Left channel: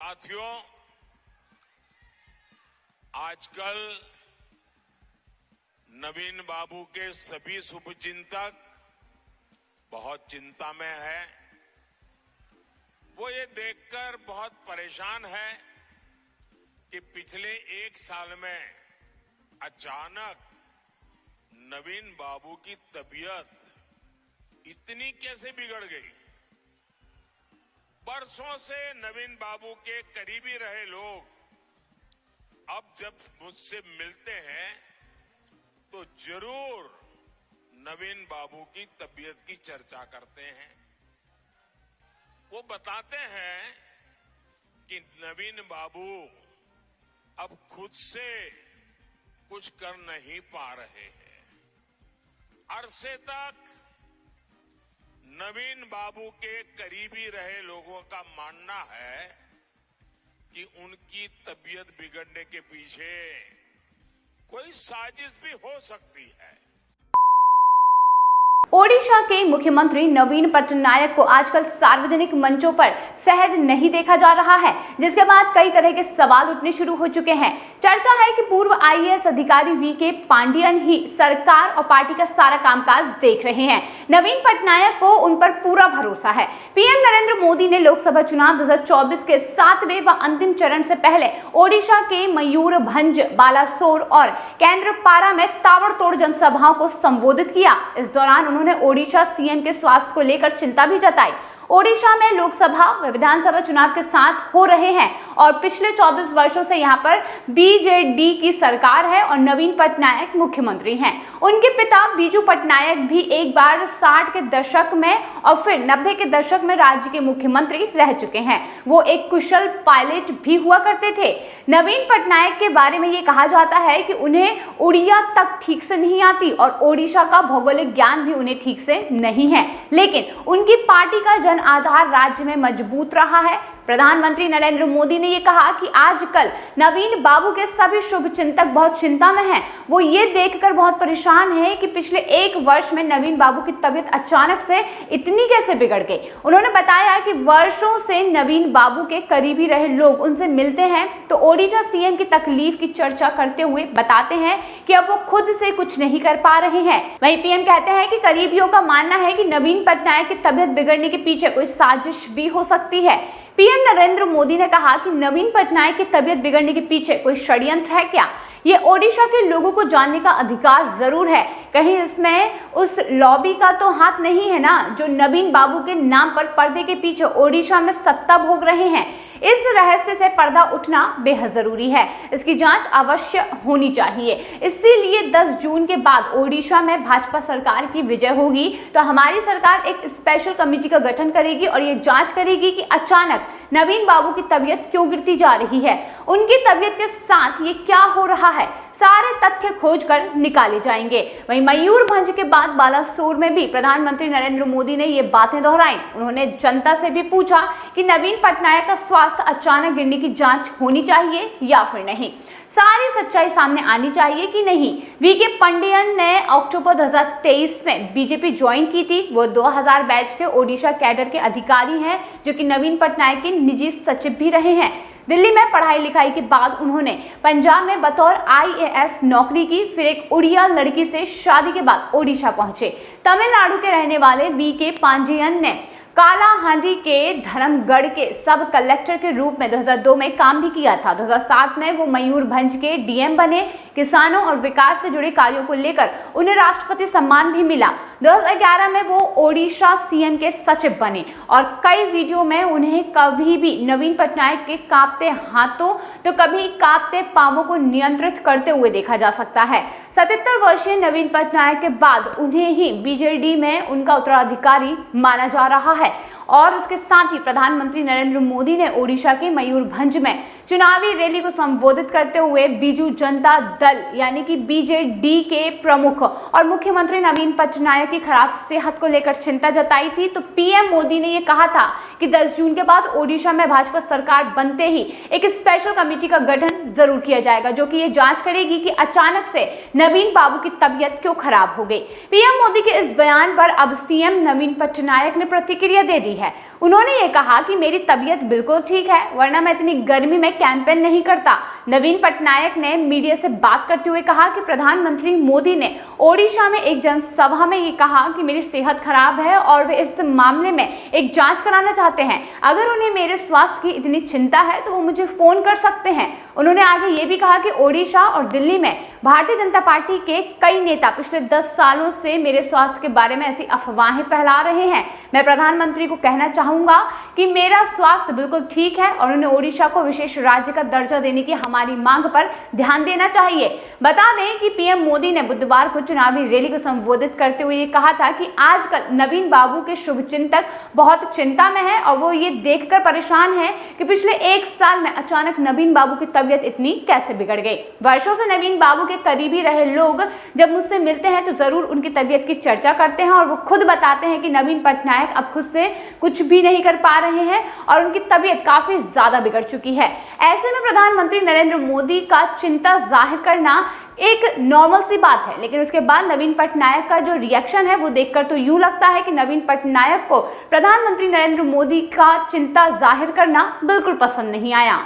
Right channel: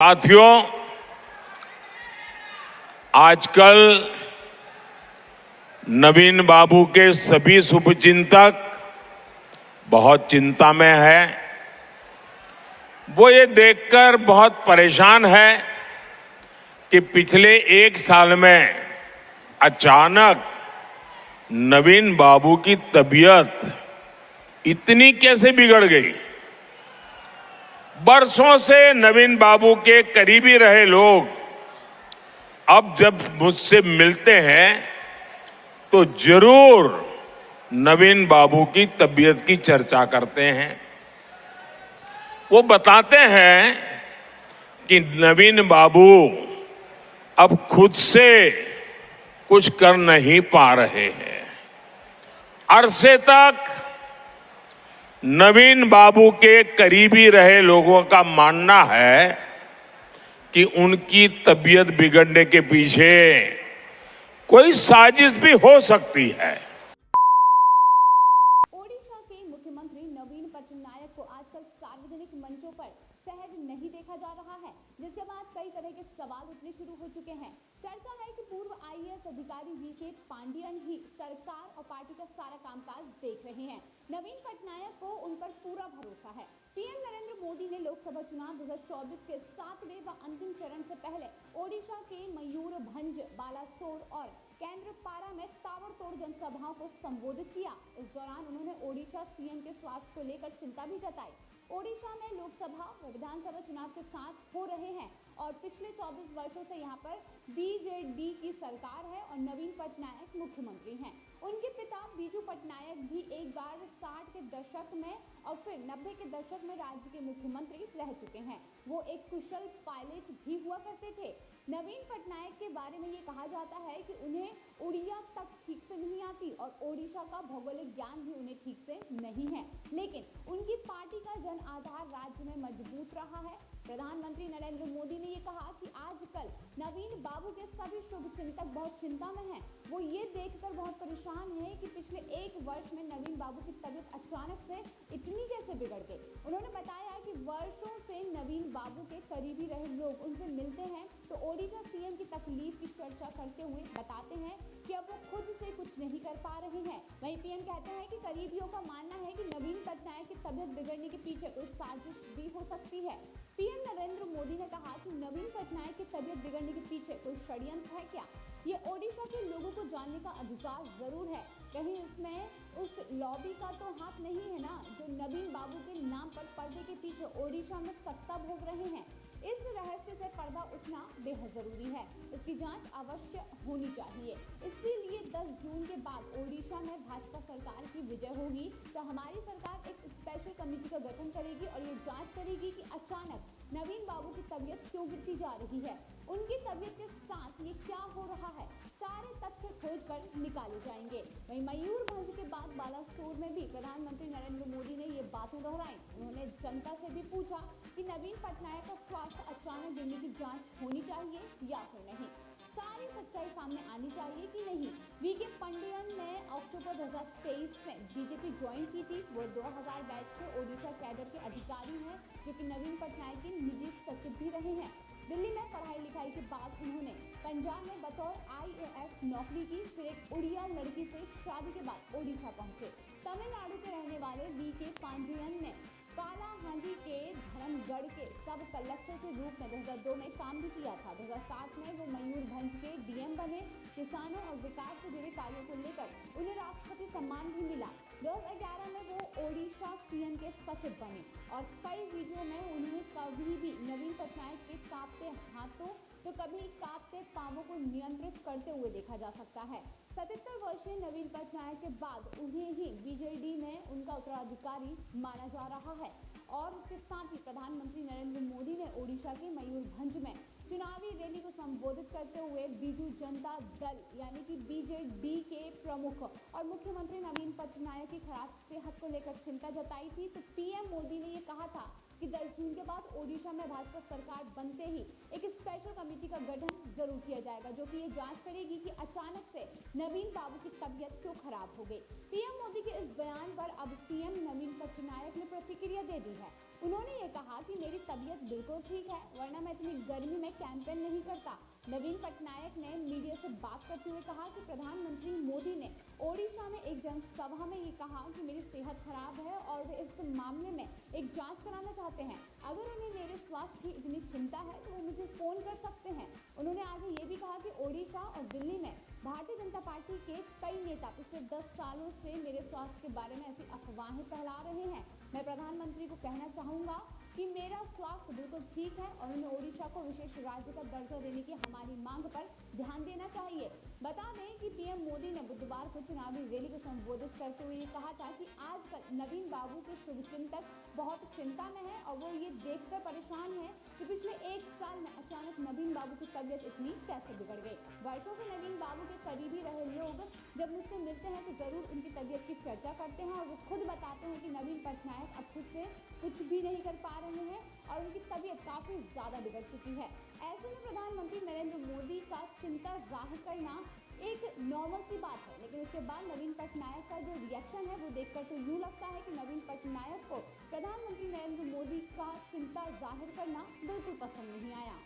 साथियों, आजकल नवीन बाबू के सभी शुभचिंतक बहुत चिंता में है। वो ये देखकर बहुत परेशान है कि पिछले एक साल में अचानक नवीन बाबू की तबीयत इतनी कैसे बिगड़ गई। बरसों से नवीन बाबू के करीबी रहे लोग अब जब मुझसे मिलते हैं तो जरूर नवीन बाबू की तबीयत की चर्चा करते हैं। वो बताते हैं कि नवीन बाबू अब खुद से कुछ कर नहीं पा रहे हैं। अरसे तक नवीन बाबू के करीबी रहे लोगों का मानना है कि उनकी तबीयत बिगड़ने के पीछे कोई साजिश भी हो सकती है। ओडिशा के मुख्यमंत्री नवीन पटनायक को आजकल सार्वजनिक मंचों पर सहज नहीं देखा जा रहा है, जिसके बाद कई तरह के सवाल उठने शुरू हो चुके हैं। चर्चा है कि पूर्व आईएएस अधिकारी वीके पांडियन ही सरकार और पार्टी का सारा कामकाज देख रहे हैं। नवीन पटनायक को उन पर पूरा भरोसा है। पीएम नरेंद्र मोदी ने लोकसभा चुनाव 2024 के 7वें व अंतिम चरण से पहले ओडिशा के मयूरभंज, बालासोर और केंद्रपाड़ा में ताबड़तोड़ जनसभाओं को संबोधित किया। इस दौरान उन्होंने ओडिशा सीएम के स्वास्थ्य को लेकर चिंता भी जताई। ओडिशा में लोकसभा व विधानसभा चुनाव के साथ हो रहे हैं और पिछले 24 वर्षों से यहां पर बीजेडी की सरकार है और नवीन पटनायक मुख्यमंत्री हैं। उनके पिता बीजू पटनायक भी एक बार 60 के दशक में और फिर 90 के दशक में राज्य के मुख्यमंत्री रह चुके हैं। वो एक कुशल पायलट भी हुआ करते थे। नवीन पटनायक के बारे में ये कहा जाता है कि उन्हें उड़िया तक ठीक से नहीं आती और ओडिशा का भौगोलिक ज्ञान भी उन्हें ठीक से नहीं है, लेकिन उनकी पार्टी का जन आधार राज्य में मजबूत रहा है। प्रधानमंत्री नरेंद्र मोदी ने यह कहा कि आजकल नवीन बाबू के सभी शुभचिंतक बहुत चिंता में हैं। वो ये देखकर बहुत परेशान हैं कि पिछले एक वर्ष में नवीन बाबू की तबीयत अचानक से इतनी कैसे बिगड़ गई। उन्होंने बताया कि वर्षों से नवीन बाबू के करीबी रहे लोग उनसे मिलते हैं तो ओडिशा सीएम की तकलीफ की चर्चा करते हुए बताते हैं कि अब वो खुद से कुछ नहीं कर पा रहे हैं। वहीं पीएम कहते हैं कि करीबियों का मानना है कि नवीन पटनायक की तबीयत बिगड़ने के पीछे कोई साजिश भी हो सकती है। पीएम नरेंद्र मोदी ने कहा कि नवीन पटनायक की तबीयत बिगड़ने के पीछे कोई षड्यंत्र है क्या? ये ओडिशा के लोगों को जानने का अधिकार जरूर है। कहीं इसमें उस लॉबी का तो हाथ नहीं है ना, जो नवीन बाबू के नाम पर पर्दे के पीछे ओडिशा में सत्ता भोग रहे हैं। इस रहस्य से पर्दा उठना बेहद जरूरी है। इसकी जांच अवश्य होनी चाहिए। इसीलिए 10 जून के बाद ओडिशा में भाजपा सरकार की विजय होगी तो हमारी सरकार एक स्पेशल कमेटी का गठन करेगी और ये जांच करेगी कि अचानक नवीन बाबू की तबीयत क्यों गिरती जा रही है, उनकी तबीयत के साथ ये क्या हो रहा है, सारे तथ्य खोजकर निकाले जाएंगे। वहीं मयूरभंज के बाद बालासोर में भी प्रधानमंत्री नरेंद्र मोदी ने ये बातें दोहराई। उन्होंने जनता से भी पूछा कि नवीन पटनायक का स्वास्थ्य अचानक गिरने की जांच होनी चाहिए या फिर नहीं, सारी सच्चाई सामने आनी चाहिए कि नहीं। वीके पांडियन ने अक्टूबर 2023 में बीजेपी ज्वाइन की थी। वो 2000 बैच के ओडिशा कैडर के अधिकारी हैं जो कि नवीन पटनायक के निजी सचिव भी रहे हैं। दिल्ली में पढ़ाई लिखाई के बाद उन्होंने पंजाब में बतौर आईएएस नौकरी की, फिर एक उड़िया लड़की से शादी के बाद ओडिशा पहुंचे। तमिलनाडु के रहने वाले वीके पांडियन ने कालाहांडी के धर्मगढ़ के सब कलेक्टर के रूप में 2002 में काम भी किया था। 2007 में वो मयूरभंज के डीएम बने। किसानों और विकास से जुड़े कार्यों को लेकर उन्हें राष्ट्रपति सम्मान भी मिला। 2011 में वो ओडिशा सीएम के सचिव बने और कई वीडियो में उन्हें कभी भी नवीन पटनायक के कांपते हाथों तो कभी कांपते पांवों को नियंत्रित करते हुए देखा जा सकता है। 77 वर्षीय नवीन पटनायक के बाद उन्हें ही बीजेडी में उनका उत्तराधिकारी माना जा रहा है और उसके साथ ही प्रधानमंत्री नरेंद्र मोदी ने ओडिशा के मयूरभंज में चुनावी रैली को संबोधित करते हुए बीजू जनता दल यानी कि बीजेडी के प्रमुख और मुख्यमंत्री नवीन पटनायक की खराब सेहत को लेकर चिंता जताई थी, तो पीएम मोदी ने यह कहा था कि 10 जून के बाद ओडिशा में भाजपा सरकार बनते ही एक स्पेशल कमेटी का गठन जरूर किया जाएगा, जो कि ये जांच करेगी कि अचानक से नवीन बाबू की तबीयत क्यों खराब हो गई। पीएम मोदी के इस बयान पर अब सीएम नवीन पटनायक ने प्रतिक्रिया दे दी है। उन्होंने ये कहा कि मेरी तबीयत बिल्कुल ठीक है, वरना मैं इतनी गर्मी में कैंपेन नहीं करता। नवीन पटनायक ने मीडिया से बात करते हुए कहा कि प्रधानमंत्री मोदी ने ओडिशा में एक जनसभा में ये कहा कि मेरी सेहत खराब है और वे इस मामले में एक जांच कराना चाहते हैं। अगर उन्हें मेरे स्वास्थ्य की इतनी चिंता है तो वो मुझे फोन कर सकते हैं। उन्होंने आगे ये भी कहा कि ओडिशा और दिल्ली में भारतीय जनता पार्टी के कई नेता पिछले 10 सालों से मेरे स्वास्थ्य के बारे में ऐसी अफवाहें फैला रहे हैं। मैं प्रधानमंत्री को कहना चाहूंगा कि मेरा स्वास्थ्य बिल्कुल ठीक है और उन्हें ओडिशा को विशेष राज्य का दर्जा देने की हमारी मांग पर ध्यान देना चाहिए। बता दें कि पीएम मोदी ने बुधवार को चुनावी रैली को संबोधित करते हुए ये कहा था कि आजकल नवीन बाबू के शुभचिंतक बहुत चिंता में हैं और वो ये देखकर परेशान हैं कि पिछले 1 साल में अचानक नवीन बाबू की तबीयत इतनी कैसे बिगड़ गई। वर्षों से नवीन बाबू के करीबी रहे लोग जब मुझसे मिलते हैं तो जरूर उनकी तबीयत की चर्चा करते हैं और वो खुद बताते हैं कि नवीन पटनायक अब खुद से कुछ भी नहीं कर पा रहे हैं और उनकी तबीयत काफी ज्यादा बिगड़ चुकी है। ऐसे में प्रधानमंत्री नरेंद्र मोदी का चिंता जाहिर करना एक नॉर्मल सी बात है, लेकिन उसके बाद नवीन पटनायक का जो रिएक्शन है वो देखकर तो यूं लगता है कि नवीन पटनायक को प्रधानमंत्री नरेंद्र मोदी का चिंता जाहिर करना बिल्कुल पसंद नहीं आया।